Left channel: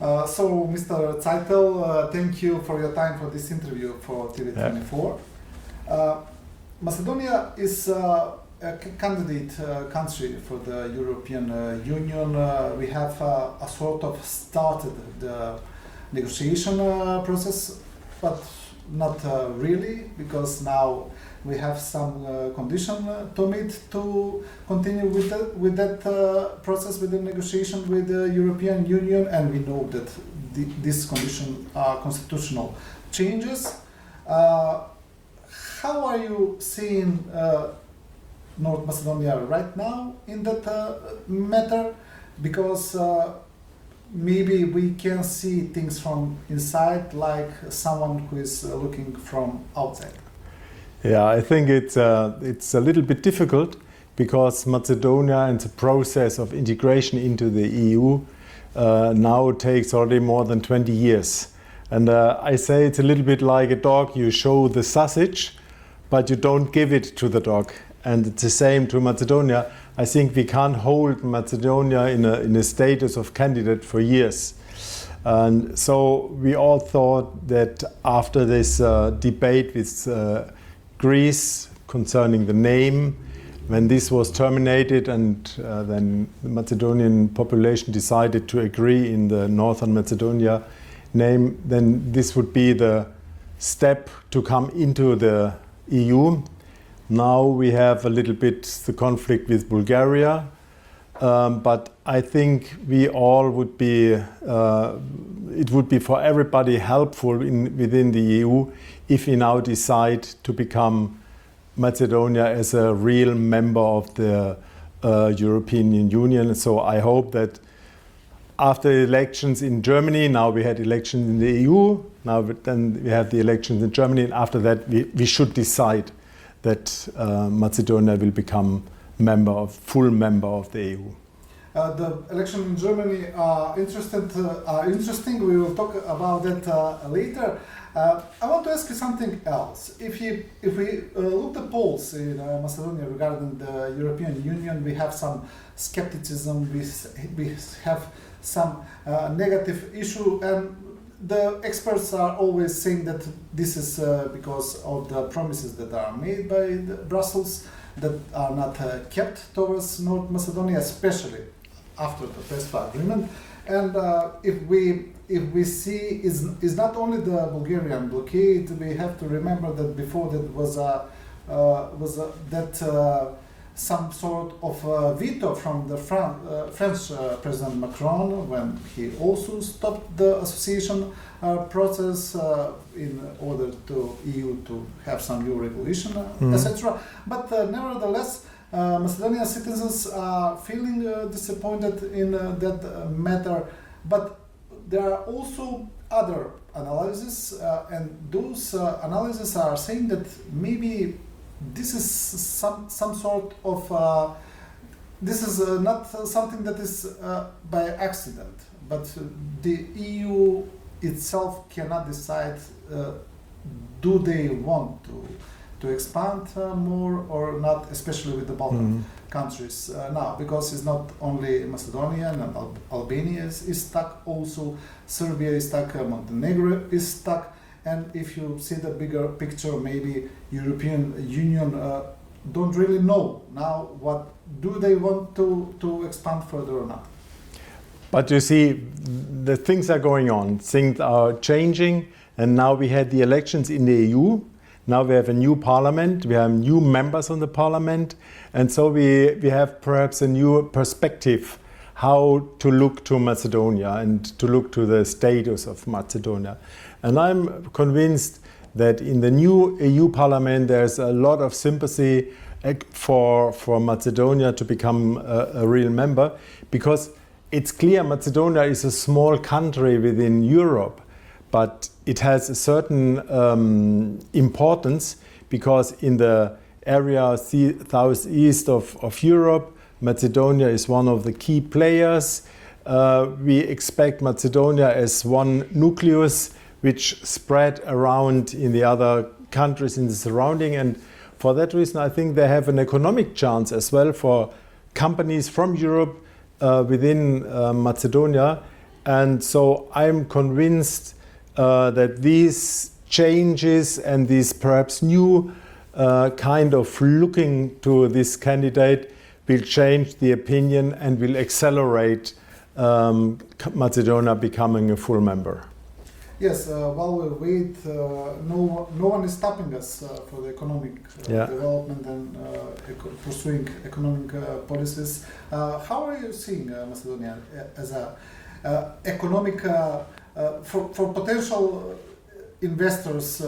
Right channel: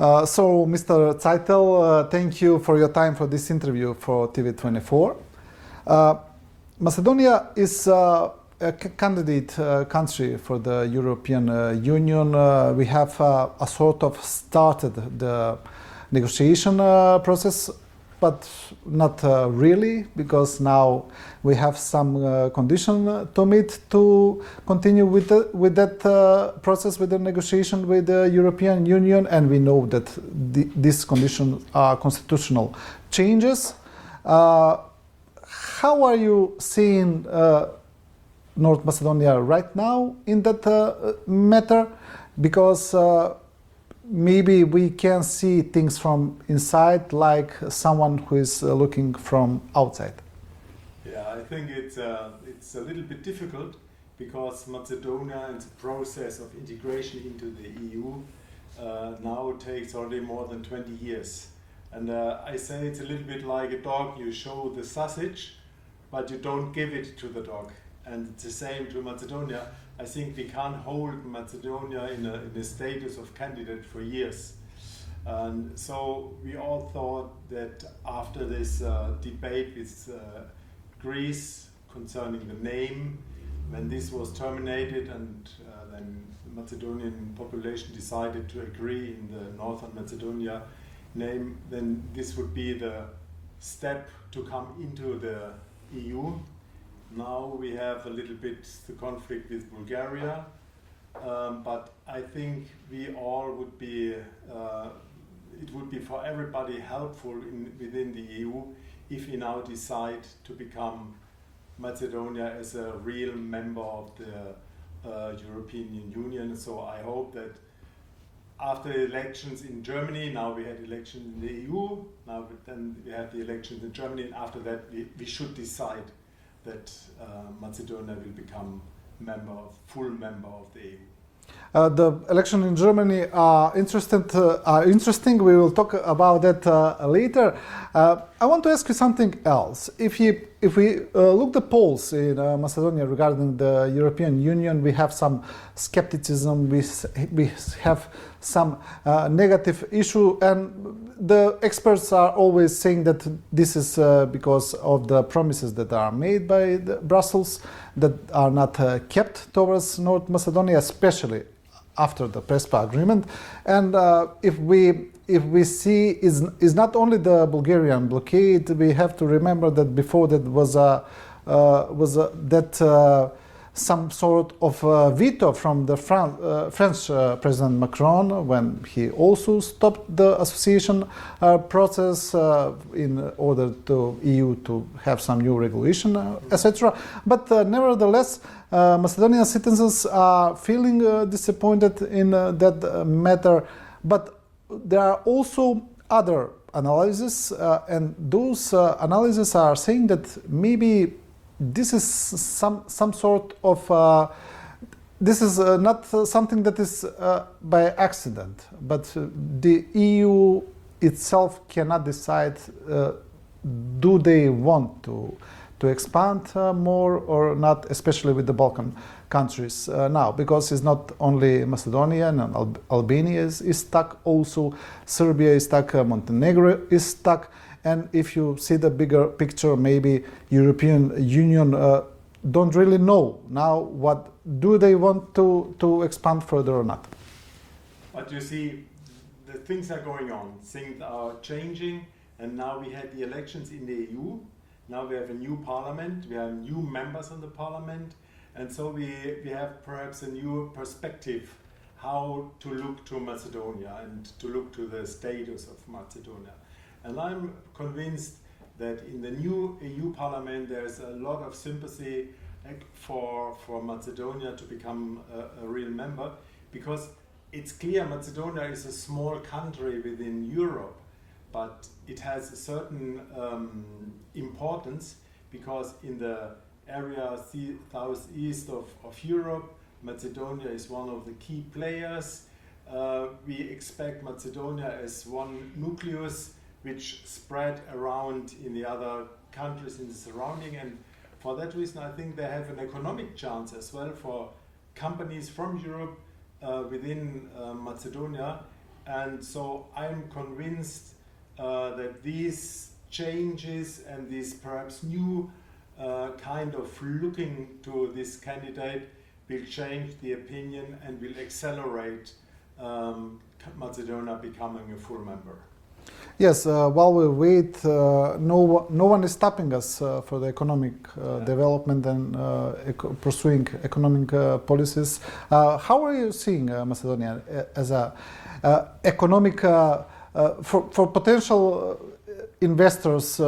So, Mr. Caјтнел, thank you for your time for this interview for TV24. Macedonia is a candidate country for the European Union. We have a sort of started the negotiation process, but not really, because now we have some condition to meet to continue with that process, with the negotiation with the European Union, and we know that these conditions are constitutional changes. How are you seeing North Macedonia right now in that matter? Because maybe we can see things from inside, like someone who is looking from outside. Yeah, I think it's a little bit difficult, because Macedonia and the process of integration into the EU now takes already more than 20 years. And I say it's a little bit like a dog. You show the sausage, but you don't give it to the dog. And it's the same to Macedonia. I think we can't hold Macedonia in a status of candidate for years. And so we all thought that after this debate with Greece concerning the name, when this was terminated and then the Macedonian population decided to agree in the Northern Macedonia name, then this would be the step to come into the EU. Now we have a little bit the conflict with Bulgaria, but I think we all would be, it would be for everybody helpful within the EU if we now decide to become Macedonia as a real member of the European Union. So I hope that after the elections in Germany, now we had elections in the EU, now then we have the elections in Germany, and after that we should decide that Macedonia will become full member of the EU. The election in Germany are interesting. We will talk about that later. I want to ask you something else. If we look the polls in Macedonia regarding the European Union, we have some skepticism. We have some negative issue, and the experts are always saying that this is because of the promises that are made by Brussels that are not kept towards North Macedonia, especially after the PESPA agreement. And if we see is not only the Bulgarian blockade, we have to remember that before that was some sort of veto from the French President Macron, when he also stopped the association process in order to EU to have some new regulation, etc. But nevertheless, Macedonian citizens are feeling disappointed in that matter. But there are also other analyses, and those analyses are saying that maybe this is some sort of this is not something that is by accident, but the EU itself cannot decide do they want to expand more or not, especially with the Balkan countries now, because it's not only Macedonia and Albania is stuck, also Serbia is stuck, Montenegro is stuck. And if you see the bigger picture, maybe European Union don't really know now what do they want to expand further or not. But you see, the things are going on, things are changing, and now we had the elections in the EU. Now we have a new parliament, we have new members on the parliament, and so we have perhaps a new perspective how to look to Macedonia and to look to the status of Macedonia. And I'm convinced that in the new EU Parliament there's a lot of sympathy for Macedonia to become a real member, because it's clear Macedonia is a small country within Europe, but it has a certain importance, because in the area southeast of Europe, Macedonia is one of the key players. We expect Macedonia as one nucleus which spread around in the other countries in the surrounding, and for that reason I think they have an economic chance as well for companies from Europe within Macedonia, And so I'm convinced that these changes and these perhaps new kind of looking to this candidate will change the opinion and will accelerate Macedonia becoming a full member. Yes, while we wait, no one is stopping us for the economic development and pursuing economic policies. How are you seeing Macedonia as a economic for potential investors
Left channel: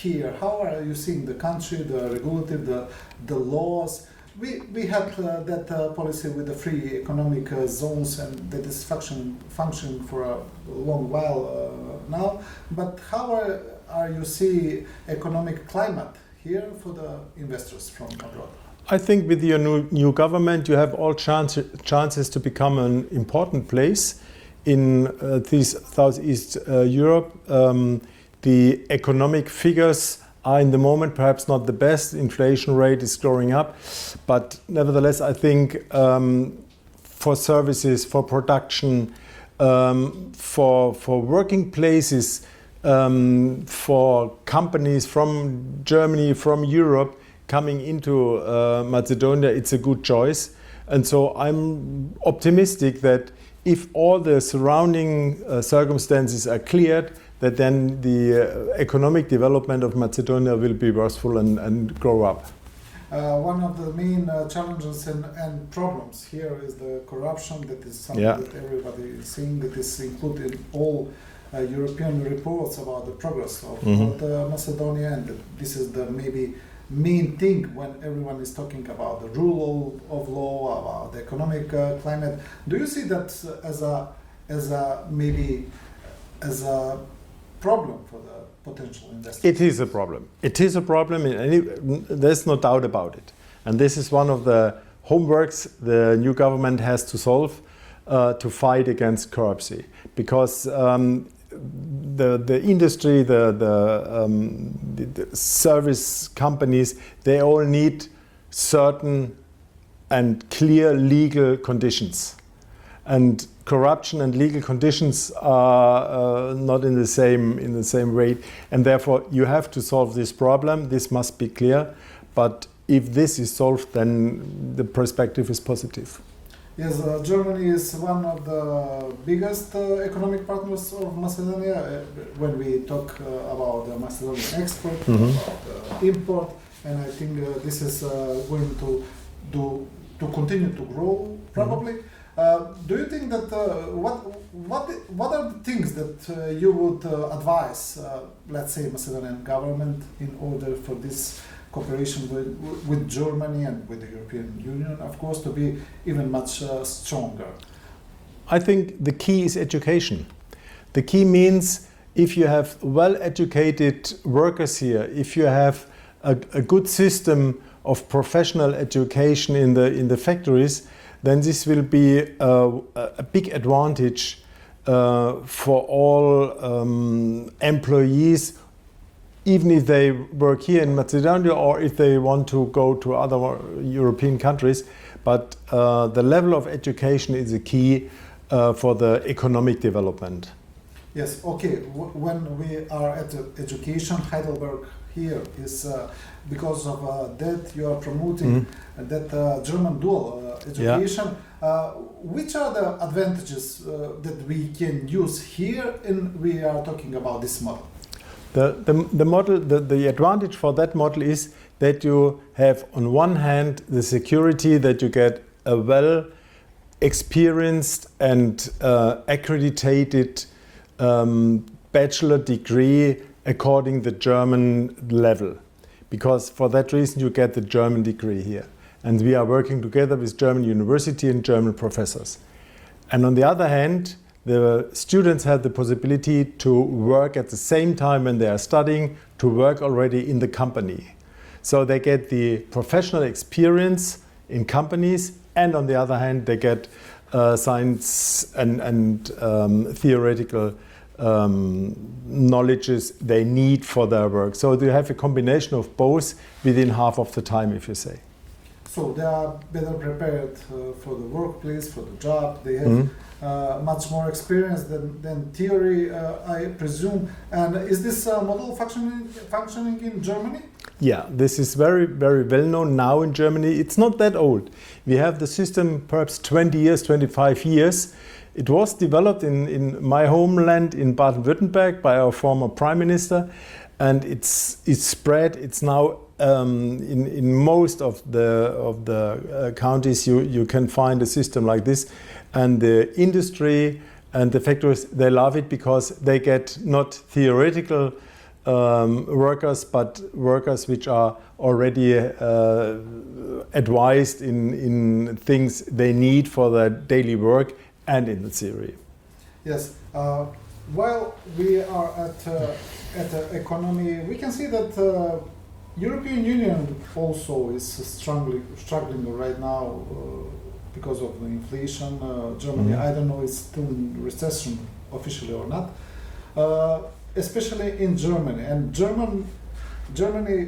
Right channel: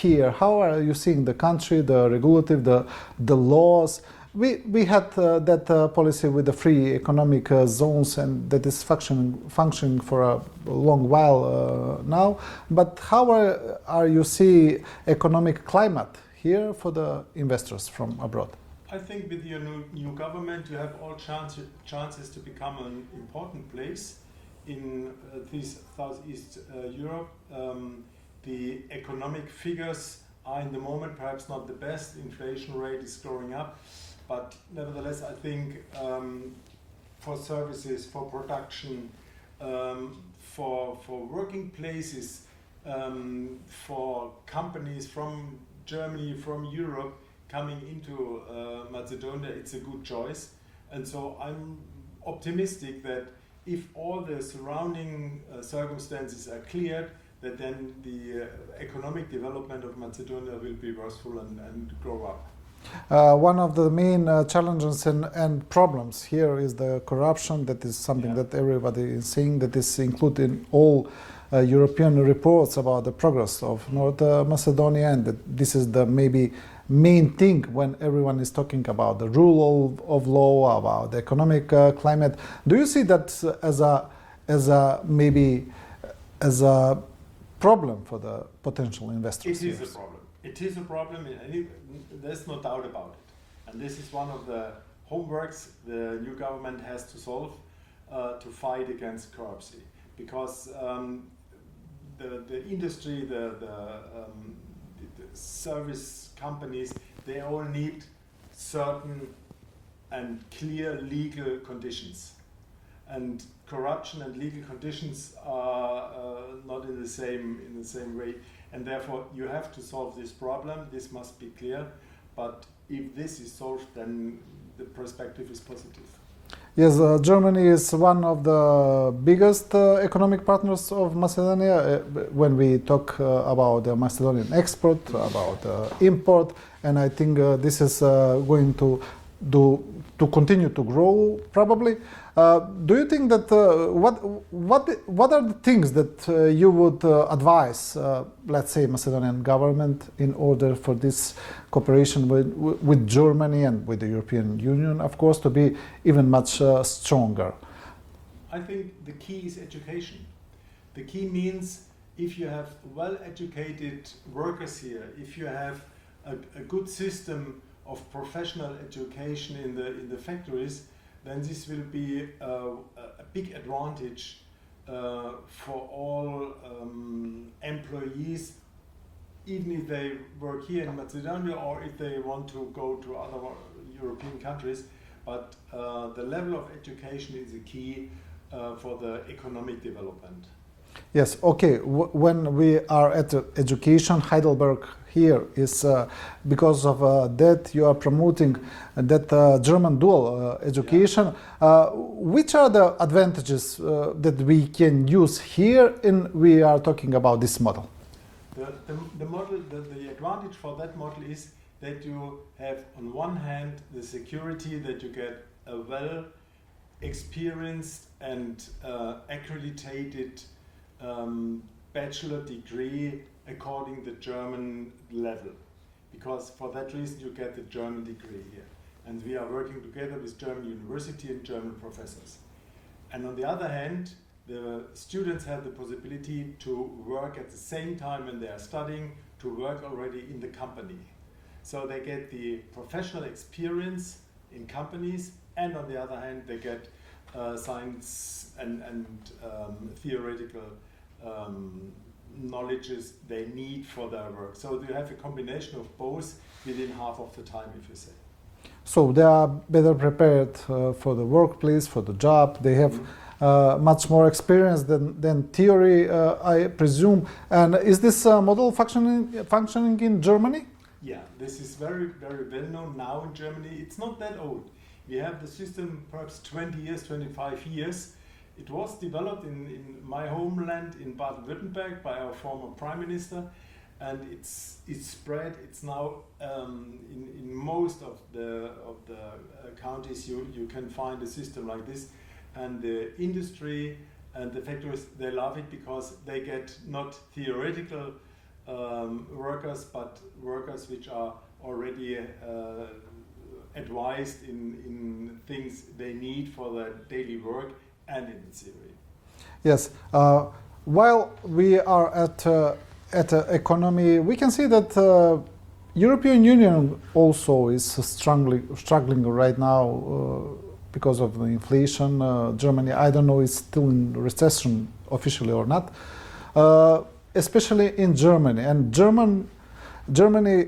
here? How are you seeing the country, the regulative, the laws? We had that policy with the free economic zones, and that is functioning for a long while now. But how are you see economic climate here for the investors from abroad? I think with your new government, you have all chances to become an important place in this Southeast Europe. The economic figures are in the moment perhaps not the best. Inflation rate is growing up, but nevertheless I think for services, for production, for working places, for companies from Germany, from Europe coming into Macedonia, it's a good choice. And so I'm optimistic that if all the surrounding circumstances are cleared, that then the economic development of Macedonia will be worthwhile and grow up. One of the main challenges and problems here is the corruption. That is something that everybody is seeing, that is included in all European reports about the progress of North Macedonia, and that this is the maybe main thing when everyone is talking about the rule of law, about the economic climate. Do you see that as a problem for the potential investors? It is a problem. It is a problem, and there's no doubt about it. And this is one of the homeworks the new government has to solve to fight against corruption. Because the industry, the service companies, they all need certain and clear legal conditions. And corruption and legal conditions are not in the same way, and therefore you have to solve this problem. This must be clear, but if this is solved, then the perspective is positive. Yes, Germany is one of the biggest economic partners of Macedonia when we talk about the Macedonian export, about import, and I think this is going to continue to grow probably. Do you think that what are the things that you would advise, let's say, Macedonian government in order for this cooperation with Germany and with the European Union, of course, to be even much stronger? I think the key is education. The key means if you have well-educated workers here, if you have a good system of professional education in the factories, then this will be a big advantage for all employees, even if they work here in Macedonia or if they want to go to other European countries. But the level of education is a key for the economic development. Yes, okay. When we are at education, Haјdelberg here is because of that you are promoting that German dual education. Which are the advantages that we can use here in we are talking about this model? The model, the advantage for that model is that you have on one hand the security that you get a well experienced and accredited bachelor degree according the German level, because for that reason you get the German degree here, and we are working together with German university and German professors. And on the other hand, the students have the possibility to work at the same time when they are studying, to work already in the company. So they get the professional experience in companies, and on the other hand they get science and theoretical knowledges they need for their work. So they have a combination of both within half of the time, if you say. So they are better prepared for the workplace, for the job. They have much more experience than theory, I presume. And is this model functioning in Germany? Yeah, this is very, very well known now in Germany. It's not that old. We have the system perhaps 20 years, 25 years. It was developed in my homeland in Baden-Württemberg by our former prime minister, and it's spread. It's now in most of the counties you can find a system like this, and the industry and the factories, they love it because they get not theoretical workers, but workers which are already advised in things they need for their daily work and in the theory. Yes. While we are at economy, we can see that European Union also is struggling right now because of the inflation. Germany, I don't know, is still in recession officially or not. Especially in Germany, and Germany,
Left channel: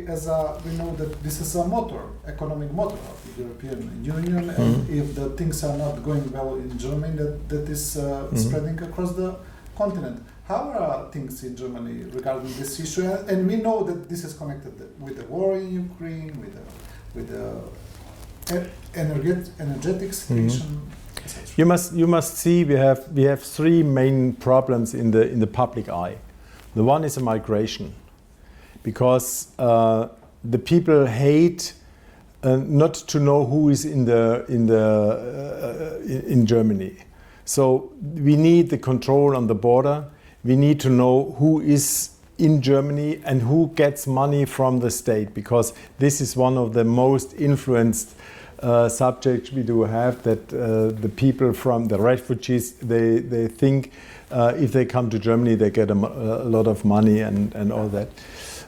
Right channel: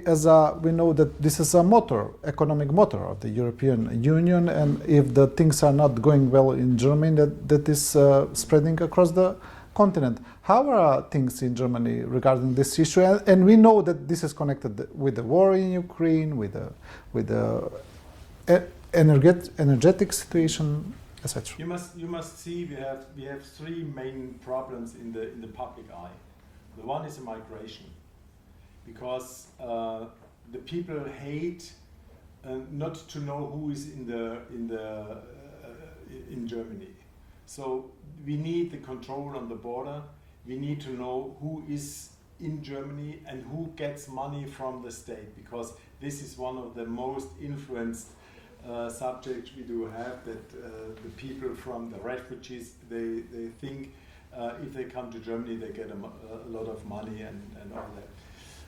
as we know that this is a motor, economic motor of the European Union, and if the things are not going well in Germany, that is spreading across the continent. How are things in Germany regarding this issue? And we know that this is connected with the war in Ukraine, with the energetic situation, etc. You must see we have three main problems in the public eye. The one is a migration, because the people hate not to know who is in Germany. So we need the control on the border. We need to know who is in Germany and who gets money from the state, because this is one of the most influenced subjects we do have, that the people from the refugees, they think if they come to Germany, they get a lot of money and all that.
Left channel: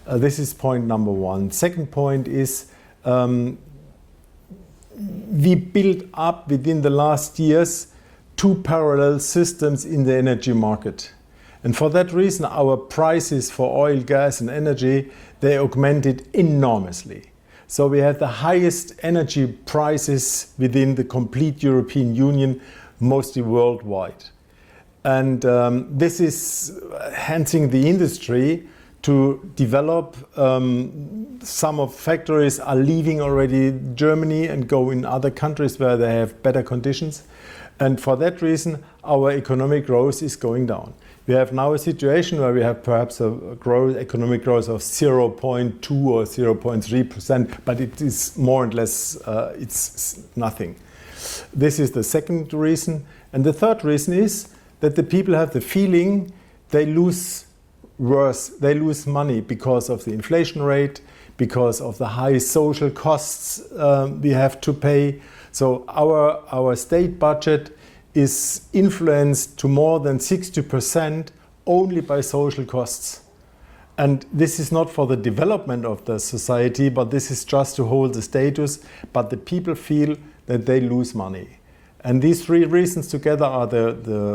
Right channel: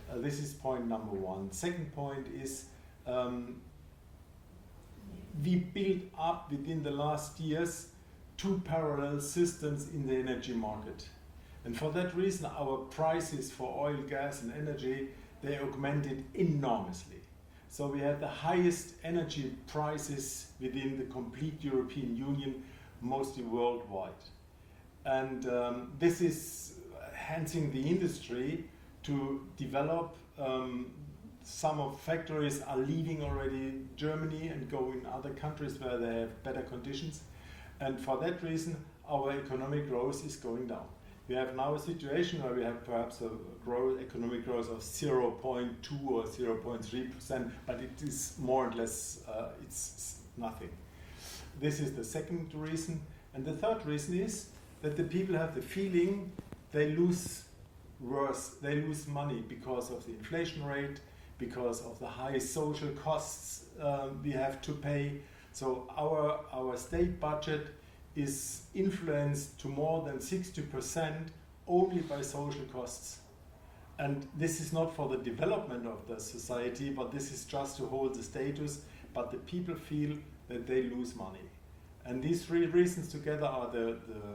This is point number one. Second point is we built up within the last years two parallel systems in the energy market. And for that reason, our prices for oil, gas and energy, they augmented enormously. So we had the highest energy prices within the complete European Union, mostly worldwide. And this is enhancing the industry to develop. Some of factories are leaving already Germany and go in other countries where they have better conditions. And for that reason, our economic growth is going down. We have now a situation where we have perhaps a economic growth of 0.2 or 0.3%, but it is more or less, it's nothing. This is the second reason. And the third reason is that the people have the feeling they lose money because of the inflation rate, because of the high social costs we have to pay. So our state budget is influenced to more than 60% only by social costs. And this is not for the development of the society, but this is just to hold the status. But the people feel that they lose money. And these three reasons together are the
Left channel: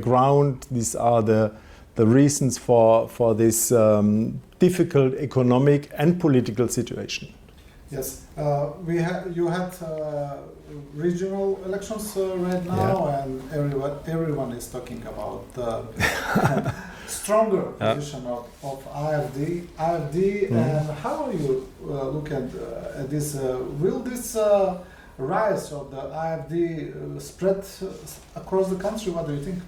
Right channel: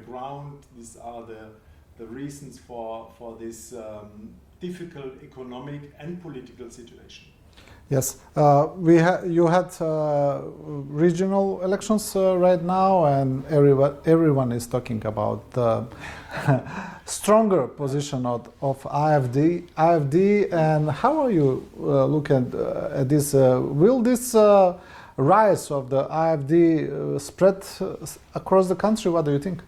ground. These are the reasons for this difficult economic and political situation. Yes, you had regional elections right now, and everyone is talking about the stronger position of AfD. And how are you looking at this? Will this rise of the AfD spread across the country? What do you think?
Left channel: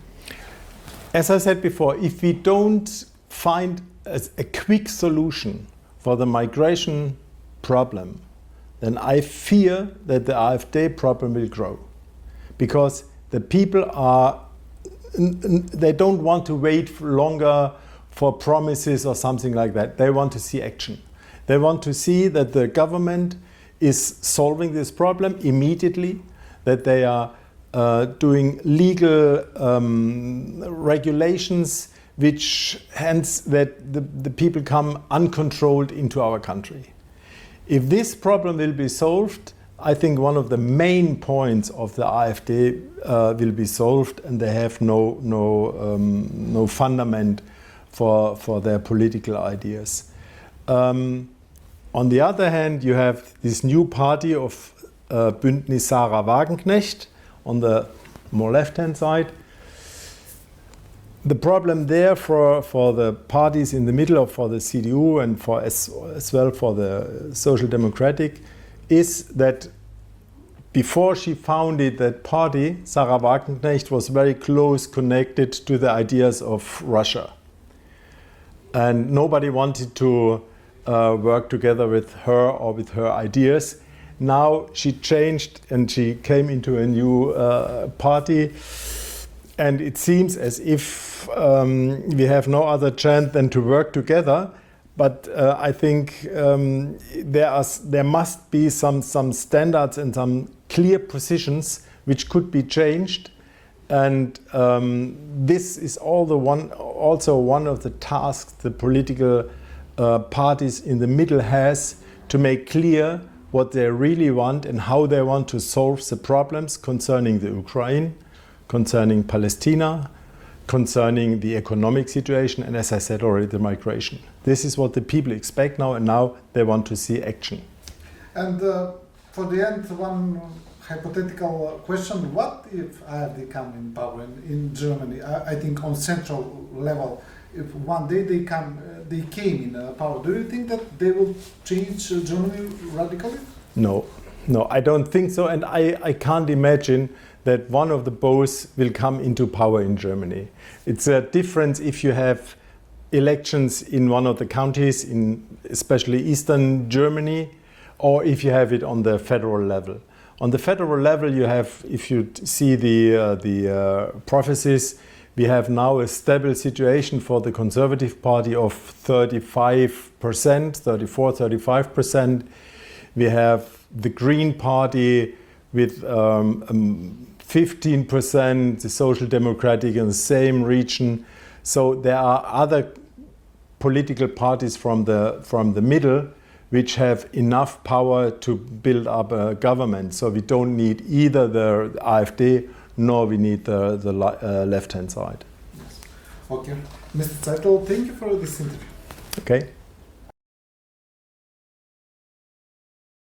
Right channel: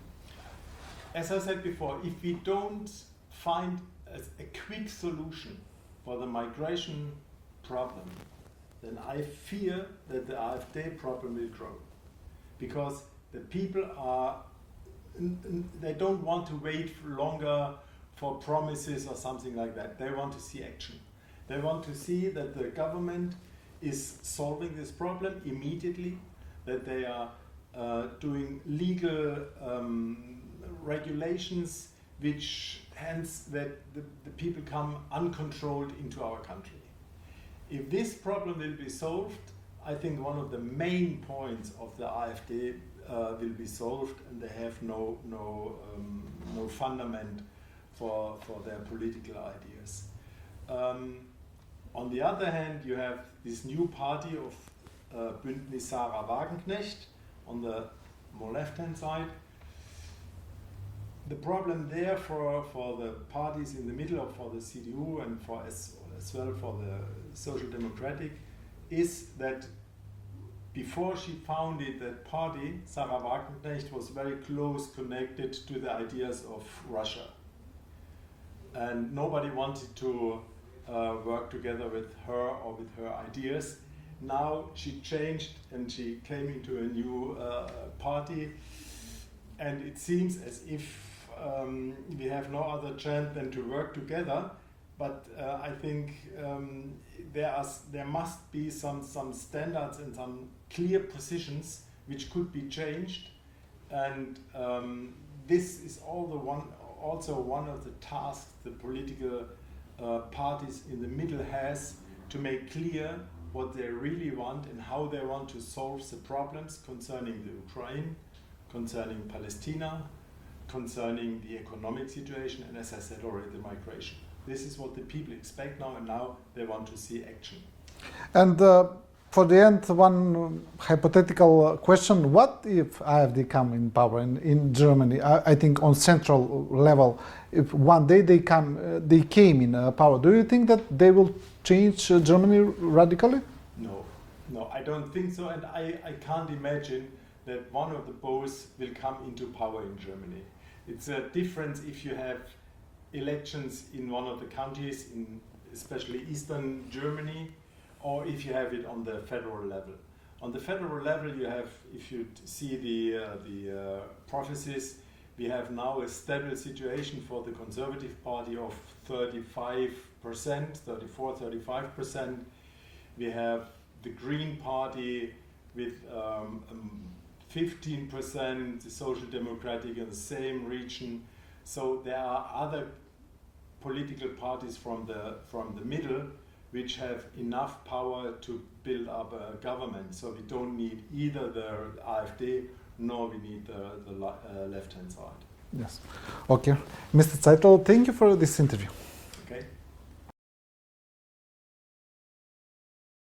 As I said before, if we don't find a quick solution for the migration problem, then I fear that the AfD problem will grow, because the people they don't want to wait longer for promises or something like that. They want to see action. They want to see that the government is solving this problem immediately, that they are doing legal regulations which hence that the people come uncontrolled into our country. If this problem will be solved, I think one of the main points of the AfD will be solved, and they have no fundament for their political ideas. On the other hand, you have this new party of Bündnis Sarah Wagenknecht on the more left-hand side. The problem there for the parties in the middle, or for the CDU and for as well for the Social Democratic, is that before she founded that party, Sarah Wagenknecht was very close connected to the ideas of Russia. And nobody wanted to work together with her or with her ideas. Now she changed and she came into a new party. And it seems as if we have no other chance than to work together. But I think there must be some standards and some clear positions which could be changed. And this is also one of the tasks the political parties in the middle has, to make clear what they really want and how they want to solve the problems concerning the Ukraine, concerning Palestine, concerning the economic situation, and as I said already, the migration. This is what the people expect now, and now they want to see action. And for the end, one hypothetical question: what if AfD come in power in Germany? I think on central level, if one day they came in power, do you think that they will change Germany radically? No, I don't think so, and I can't imagine that one of the both will come into power in Germany. It's a difference if you have elections in one of the counties, in especially eastern Germany, or if you have it on the federal level. On the federal level, you have, if you see the prophecies, we have now a stable situation for the Conservative Party of 35%, 34-35%. We have the Green Party with 15%, the Social Democratic in the same region. So there are other political parties from the middle which have enough power to build up a government. So we don't need either the AfD nor we need the left-hand side. Yes. Okay. Mr. Czaјtnel, thank you for this interview. Okay.